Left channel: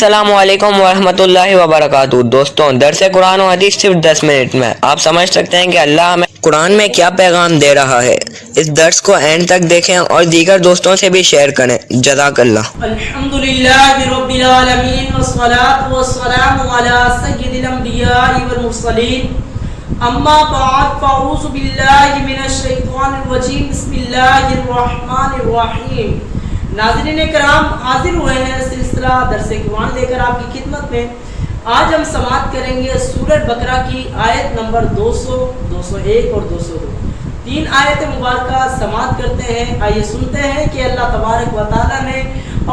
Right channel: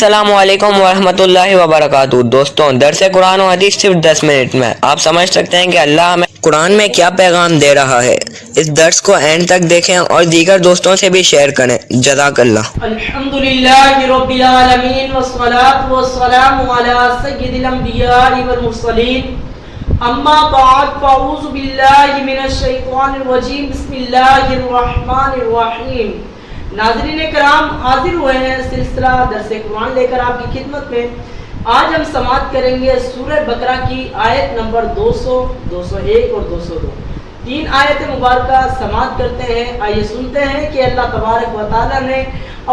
السلام علیکم ورحمۃ اللہ وبرکاتہ۔ دوستوں، درس قرآن و حدیث صرف 10 منٹ میں۔ آپ سمجھ سکتے ہیں کہ اللہ ہمیں قرآن میں کیا پیغام دے رہا ہے۔ اس درس کو اینڈ تک دیکھیں اور دیگر دوستوں سے بھی شیئر کریں۔ جزاک اللہ۔ الحمدللہ رب العالمین والصلاة والسلام علی سید الانبیاء والمرسلین، اما بعد فاعوذ باللہ من الشیطان الرجیم، بسم اللہ الرحمن الرحیم۔ ناظرین کرام، حاضر ہوئے ہیں سلسلہ درس قرآن لے کر آپ کی خدمت میں۔ آج ہم سماعت کریں گے سورہ بقرہ کی آیت نمبر 200، 201 اور 202۔ 3 آیت مبارکہ سماعت کرتے ہیں۔ آئیے سنتے ہیں کہ اللہ تبارک و تعالیٰ نے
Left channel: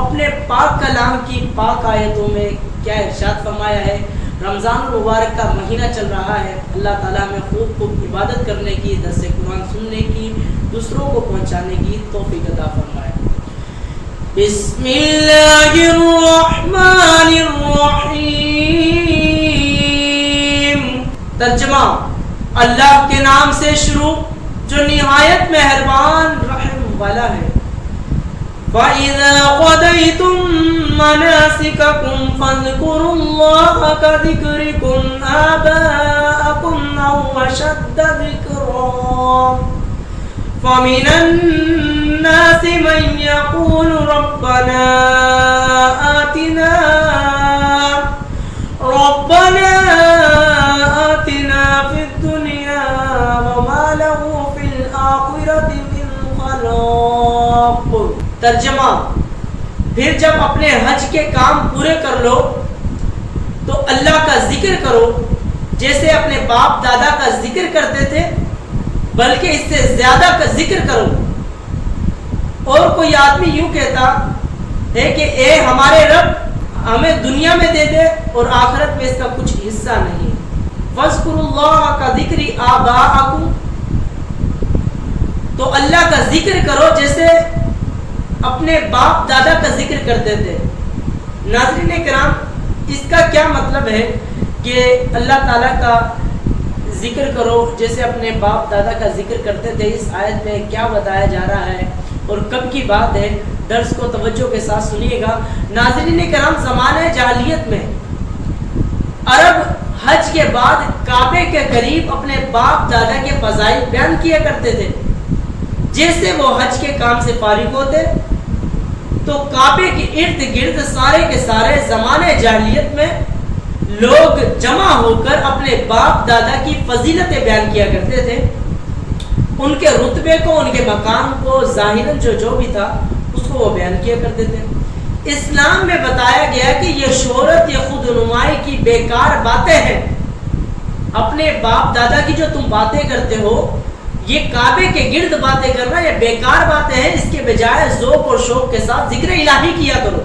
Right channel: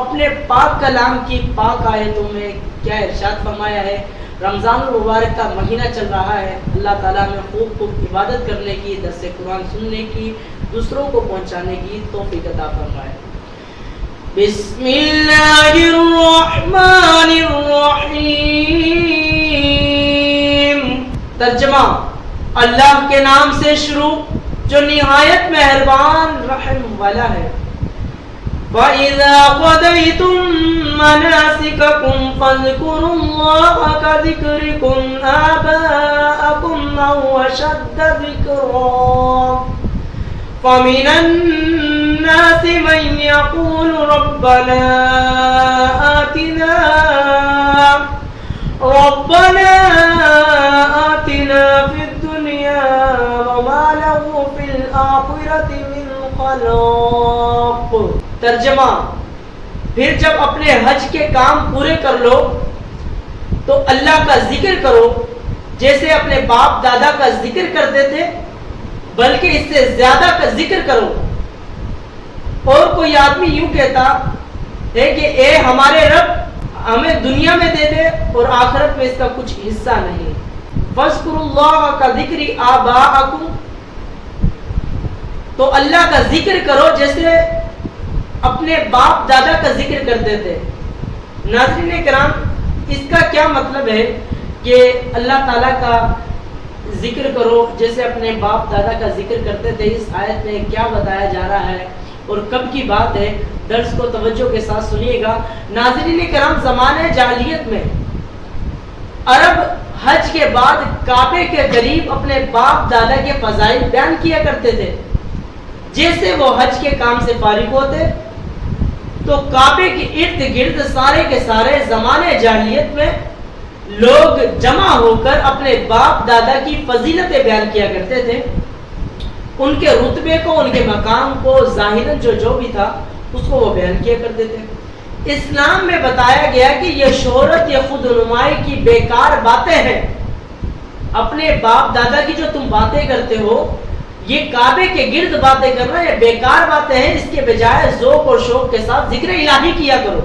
اپنے پاک کلام کی پاک آیتوں میں کیا ارشاد فرمایا ہے۔ رمضان المبارک کا مہینہ چل رہا ہے، اللہ تعالیٰ میں خوب عبادت کرنے کی، درس قرآن سننے کی، دوسروں کو پہنچانے کی توفیق عطا فرمائے۔ بسم اللہ الرحمن الرحیم۔ ترجمہ: اللہ کے نام سے شروع جو نہایت مہربان رحم والا ہے۔ فَإِذَا قَضَيْتُم مَّنَاسِكَكُمْ فَاذْكُرُوا اللَّهَ كَذِكْرِكُمْ آبَاءَكُمْ أَوْ أَشَدَّ ذِكْرًا فَمِنَ النَّاسِ مَن يَقُولُ رَبَّنَا آتِنَا فِي الدُّنْيَا وَمَا لَهُ فِي الْآخِرَةِ مِنْ خَلَاقٍ۔ ترجمہ: پھر جب اپنے حج کے کام پورے کر لو تو اللہ کا ذکر کرو جیسے اپنے باپ دادا کا ذکر کرتے تھے، بلکہ اس سے زیادہ کا ذکر کرو۔ اور کوئی آدمی یوں کہتا ہے کہ اے ہمارے رب، ہمیں دنیا میں دے دے اور آخرت میں اس کا کچھ حصہ نہیں۔ فَاذْكُرُوا اللَّهَ كَذِكْرِ آبَاءَكُمْ، تو اللہ کا ذکر کرو جیسے اپنے باپ دادا کا ذکر کرتے تھے۔ ناظرین کرام، اس کا کیا مطلب ہے کہ اللہ تعالیٰ کا ذکر کرو جیسے اپنے باپ دادا کا ذکر کرتے تھے؟ اس آیت میں کیا بتایا جا رہا ہے اور کب کی بات ہے؟ درس کو توجہ کے ساتھ سنیے گا۔ ناظرین کرام، زمانے جاہلیت میں عرب حج کے بعد کعبے کے قریب اپنے باپ دادا کے فضائل بیان کیا کرتے تھے۔ جیسے وہ حج کے کام سے فارغ ہوتے تو کعبے کے ارد گرد سارے کے سارے زمانے جاہلیت میں لوگ جمع ہو کر اپنے باپ دادا کی فضیلتیں بیان کیا کرتے تھے، ان کے رتبے کو، ان کے مقام کو، ظاہراً جو بھی تھا اس کو وہ بیان کیا کرتے تھے۔ اسلام میں بتایا گیا کہ یہ شہرت، یہ خود نمائی کی بیکار باتیں ہیں۔ اپنے باپ دادا کی جو تم باتیں کرتے ہو، یہ کعبے کے گرد باتیں کرنا، یہ بیکار باتیں ہیں۔ اس کے بجائے ذوق اور شوق کے ساتھ ذکر الہی کیا کرو،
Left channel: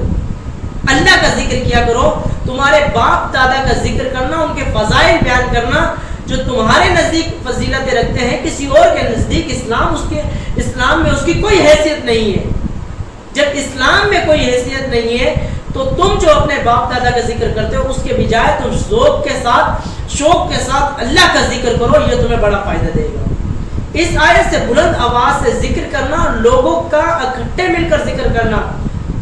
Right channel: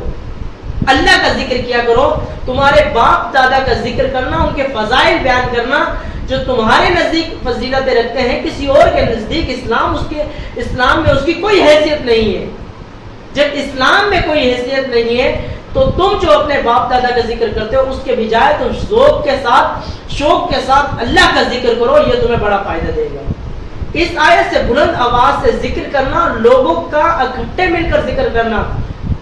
اللہ کا ذکر کیا کرو۔ تمہارے باپ دادا کا ذکر کرنا، ان کے فضائل بیان کرنا، جو تمہارے نزدیک فضیلتیں رکھتے ہیں، کسی اور کے نزدیک اسلام میں اس کی کوئی حیثیت نہیں ہے۔ جب اسلام میں کوئی حیثیت نہیں ہے تو تم جو اپنے باپ دادا کا ذکر کرتے ہو، اس کے بجائے تم ذوق کے ساتھ، شوق کے ساتھ اللہ کا ذکر کرو، یہ تمہیں بڑا فائدہ دے گا۔ اس آیت سے بلند آواز سے ذکر کرنا، لوگوں کا اکٹھے مل کر ذکر کرنا،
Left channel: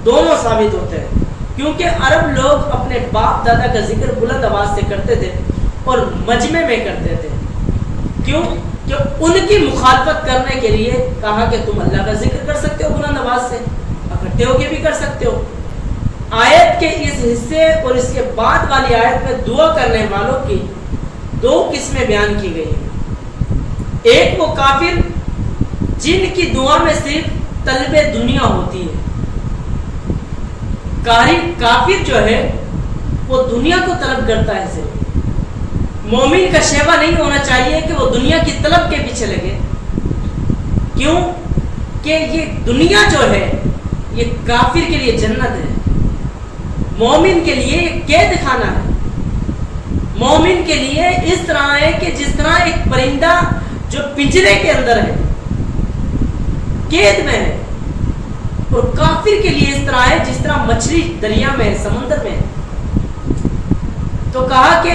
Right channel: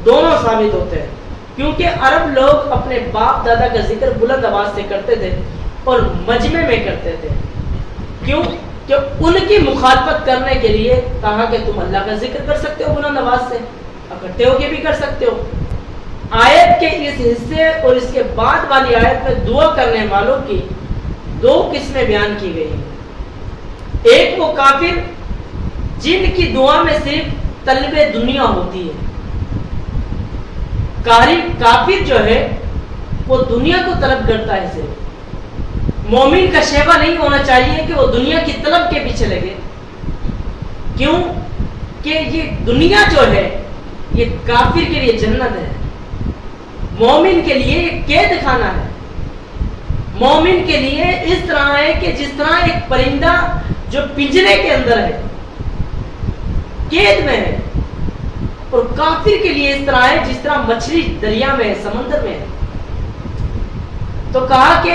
دونوں ثابت ہوتے ہیں۔ کیونکہ عرب لوگ اپنے باپ دادا کا ذکر بلند آواز سے کرتے تھے اور مجمع میں کرتے تھے۔ کیوں؟ کہ ان کی مخالفت کرنے کے لیے کہا کہ تم اللہ کا ذکر کر سکتے ہو بلند آواز سے، اکٹھے ہو کے بھی کر سکتے ہو۔ آیت کے اس حصے اور اس کے بعد والی آیت میں دعا کرنے والوں کی 2 قسمیں بیان کی گئی ہیں۔ ایک وہ کافر جن کی دعا میں صرف طلب دنیا ہوتی ہے۔ کافر جو ہے وہ دنیا کو طلب کرتا ہے صرف۔ مومن کا شیوا نہیں ہونا چاہیے کہ وہ دنیا کی طلب کے پیچھے لگے۔ کیوں؟ کہ یہ دنیا جو ہے یہ کافر کے لیے جنت ہے، مومن کے لیے یہ قید خانہ ہے۔ مومن کے لیے اس طرح ہے کہ جس طرح ایک پرندہ جو پنجرے کے اندر ہے، قید میں ہے، اور کافر کے لیے اس طرح ہے جس طرح مچھلی دریا میں ہے، سمندر میں ہے۔ تو کہا کہ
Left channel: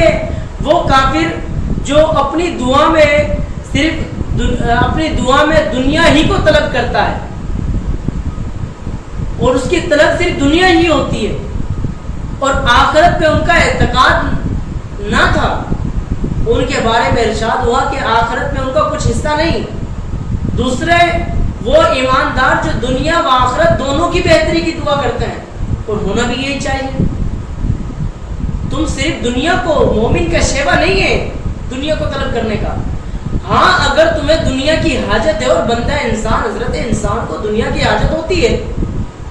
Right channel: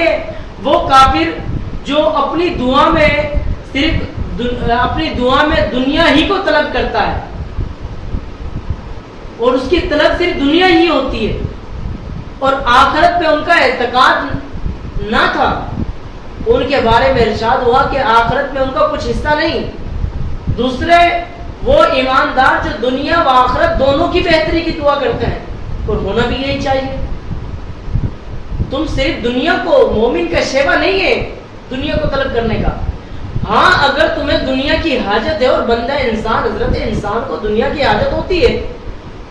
وہ کافر جو اپنی دعا میں صرف دنیا ہی کو طلب کرتا ہے اور اس کی طلب صرف دنیا ہی ہوتی ہے، اور آخرت پہ ان کا اعتقاد نہ تھا، ان کے بارے میں ارشاد ہوا کہ آخرت میں ان کا کچھ حصہ نہیں۔ دوسرے وہ ایماندار جو دنیا و آخرت دونوں کی بہتری کی دعا کرتے ہیں، اور ہونا بھی یہی چاہیے۔ تم صرف دنیا کو، مومن کا شیوا نہیں ہے دنیا کو طلب کرنے کا۔ ہاں اگر تمہیں دنیا کی حاجت ہے، اور بندہ انسان، حضرت انسان کو دنیا کی حاجت ہوتی ہے،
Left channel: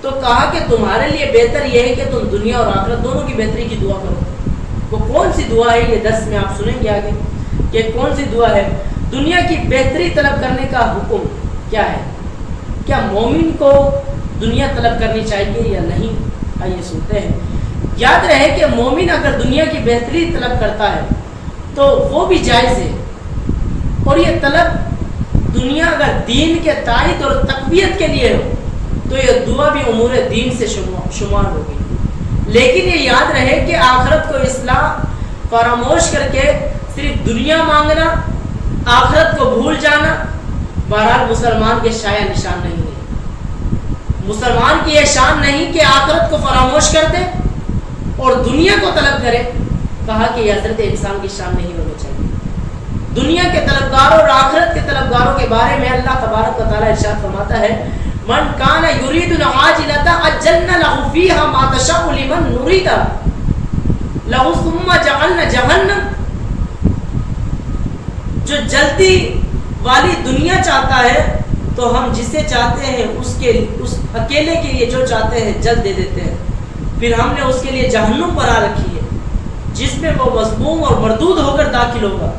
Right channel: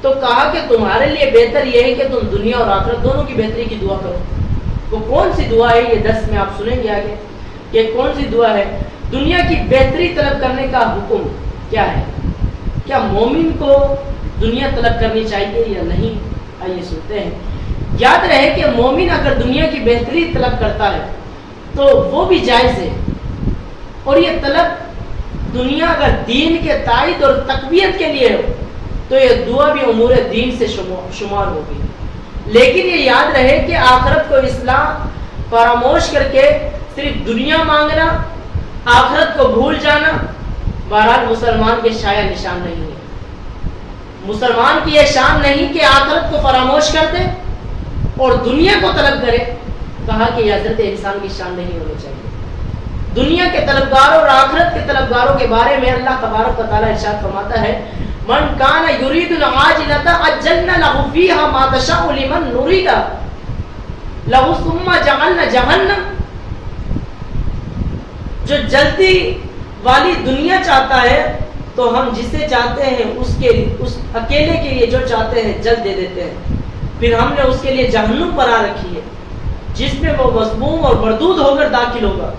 تو کہا کہ تمہارے لیے بہتر یہ ہے کہ تم دنیا اور آخرت دونوں کی بہتری کی دعا کرو۔ وہ کون سی دعا ہے یہ درس میں آپ سنیں گے آگے کہ کون سی دعا ہے۔ دنیا کی بہتری طلب کرنے کا حکم کیا ہے؟ کیا مومن کو دنیا طلب کرنی چاہیے یا نہیں؟ آئیے سنتے ہیں۔ یاد رہے کہ مومن اگر دنیا کی بہتری طلب کرتا ہے تو وہ بھی جائز ہے، اور یہ طلب دنیا اگر دین کے تائید اور تقویت کے لیے ہو تو یہ دعا بھی امور دین سے شمار ہوگی۔ لیکن یہ یاد رہے کہ آخرت کو اصلاح فراموش کر کے صرف دنیا مانگنا، آخرت کو بھول جانا، بہرحال مسلمان کے شایع نشان نہیں ہے۔ مسلمان کی یہ شان نہیں کہ آخرت کو فراموش کر دے اور دنیا کو طلب کرے۔ کہا کہ یہ حضرت انسان کی شان نہیں ہونی چاہیے۔ دنیا کے طلبگاروں اور آخرت کے طلبگاروں کے بارے میں اللہ تبارک و تعالیٰ ارشاد فرماتا ہے، من کان یرید العاجلۃ عجلنا له فیہا ما نشاء لمن نرید له ثم جعلنا جہنم۔ جو جلدی والی دنیا چاہتا ہے تو ہم جسے چاہتے ہیں اس اکیلے کے لیے جو چاہتے ہیں جلد دے دیتے ہیں، پھر ہم نے اس کے لیے جہنم بنا رکھی ہے جس میں وہ مذموم اور مردود ہو کر داخل ہوگا۔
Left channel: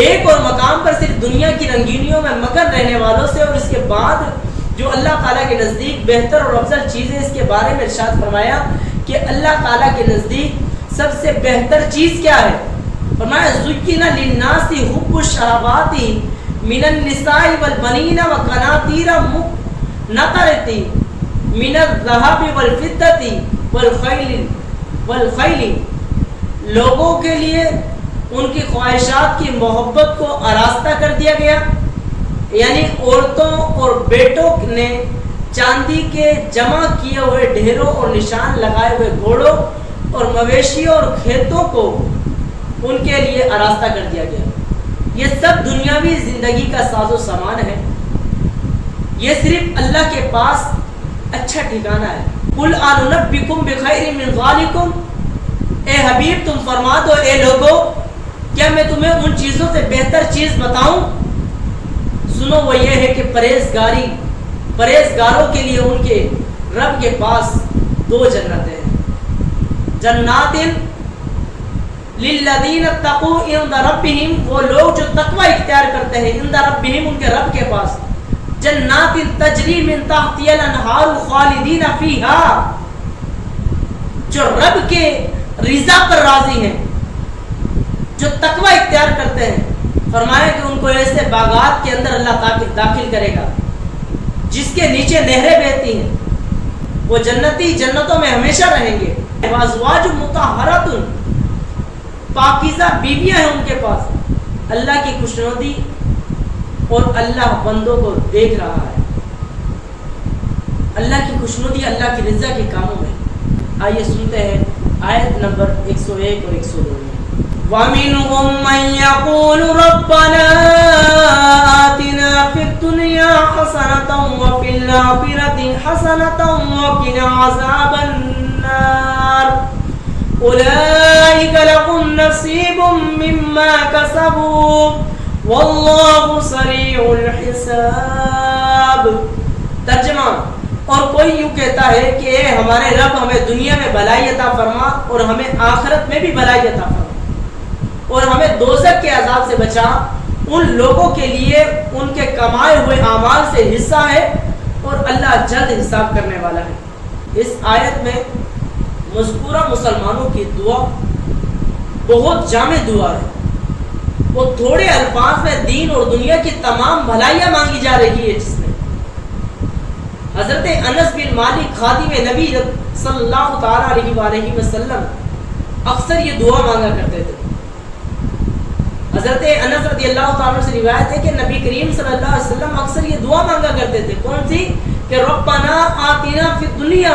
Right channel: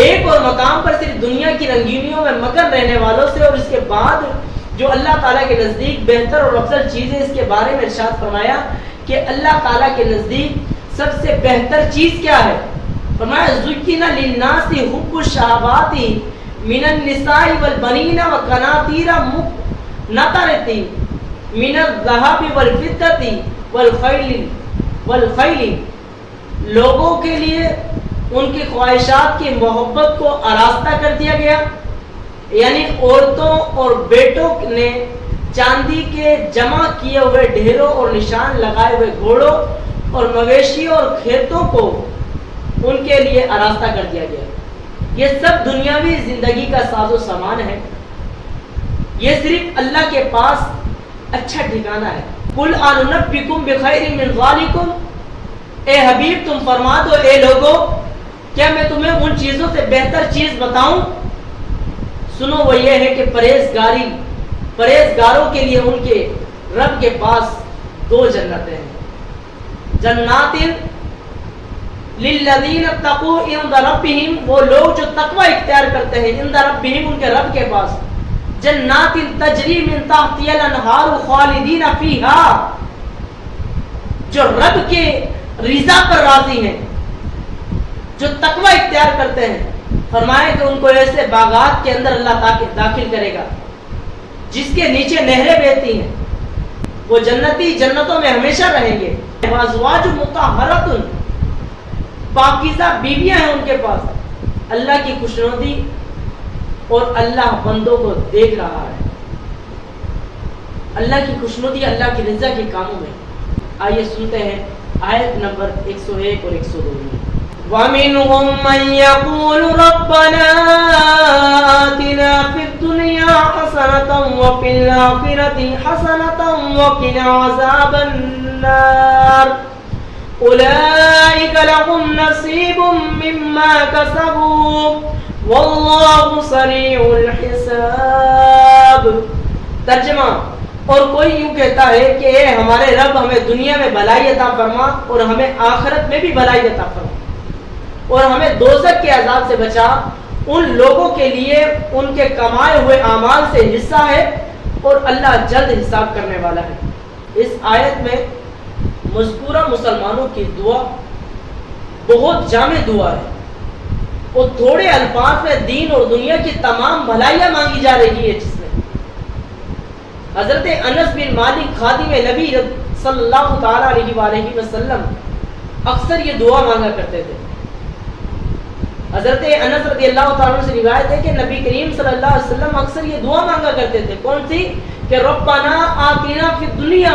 ایک اور مقام پر صرف دنیا کی رنگینیوں میں مگن رہنے والوں سے، اور اس کے بعد جو اللہ تعالیٰ کے نزدیک بہتر اور افضل چیز ہے اس کے بارے میں ارشاد فرمایا کہ اللہ تعالیٰ کے نزدیک سب سے بہتر چیز کیا ہے؟ فرمایا زُيِّنَ لِلنَّاسِ حُبُّ الشَّهَوَاتِ مِنَ النِّسَاءِ وَالْبَنِينَ وَالْقَنَاطِيرِ الْمُقَنطَرَةِ مِنَ الذَّهَبِ وَالْفِضَّةِ وَالْخَيْلِ۔ لوگوں کے لیے ان کی خواہشات کی محبت کو آراستہ کر دیا گیا، یعنی عورتوں اور بیٹوں نے چاندی کے جمع کیے ہوئے ڈھیروں اور نشان لگائے ہوئے گھوڑوں اور مویشیوں اور کھیتوں کو ان کے لیے آراستہ کر دیا گیا۔ یہ سب دنیاوی زندگی کا ساز و سامان ہے، یہ صرف اللہ کے پاس اچھا ٹھکانہ ہے۔ قُلْ أَنُنَبِّئُكُم بِخَيْرٍ مِّن ذَلِكُمْ، اے حبیب تم فرما دو اے لوگو، کیا میں تمہیں ان چیزوں سے بہتر چیز بتاؤں؟ سنو وہ یہ ہے کہ پرہیزگاروں کے لیے ان کے رب کے پاس دو جنتیں ہیں۔ جنات للذین اتقوا عند ربہم، وہ لوگ جو تقوی اختیار کرتے ہیں، عند ربہم ان کے رب کے پاس۔ جنات تجری من تحتها الانہار خالدین فیہا، جو رب کے رضا پر راضی ہیں، جو تقوی اختیار کرتے ہیں، فرمایا کہ ان کو ایسے باغات کے اندر اللہ داخل کرے گا جس کے نیچے نہریں بہتی ہیں، وہ جنتی جنتوں میں ہمیشہ رہیں گے۔ وازواج مطہرۃ، پاکیزہ بیویاں ہیں ان کے پاس۔ اللہ کی خوشنودی اور اللہ بندوں کو دیکھ رہا ہے، اللہ کی خوشنودی اللہ کی رضا کے کاموں میں۔ آئیے سنتے ہیں آیت نمبر 101 اور 102 میں۔ وَمِنْهُمْ مَنْ يَقُولُ رَبَّنَا آتِنَا فِي الدُّنْيَا حَسَنَةً وَفِي الْآخِرَةِ حَسَنَةً وَقِنَا عَذَابَ النَّارِ أُولَئِكَ لَهُمْ نَصِيبٌ مِّمَّا كَسَبُوا وَاللَّهُ سَرِيعُ الْحِسَابِ۔ ترجمہ، اور کوئی یوں کہتا ہے کہ اے ہمارے رب ہمیں دنیا میں بھلائی عطا فرما اور ہمیں آخرت میں بھی بھلائی عطا فرما، اور ہمیں دوزخ کے عذاب سے بچا۔ ان لوگوں کے لیے ان کے کمائے ہوئے اعمال سے حصہ ہے اور اللہ جلد حساب کرنے والا ہے۔ اس آیت میں مذکورہ مسلمانوں کی دعا بہت جامع دعا ہے، اور تھوڑے الفاظ میں دین اور دنیا کی تمام بھلائیاں مانگی جا رہی ہے، جس میں حضرت انس بن مالک خادم نبی صلی اللہ تعالیٰ علیہ وآلہ وسلم اکثر یہ دعا مانگا کرتے تھے۔ حضرت انس رضی اللہ تعالیٰ سے روایت ہے کہ نبی کریم صلی اللہ علیہ وسلم اکثر یہ دعا مانگا کرتے تھے۔ کون سی؟ کہ ربنا آتنا فی الدنیا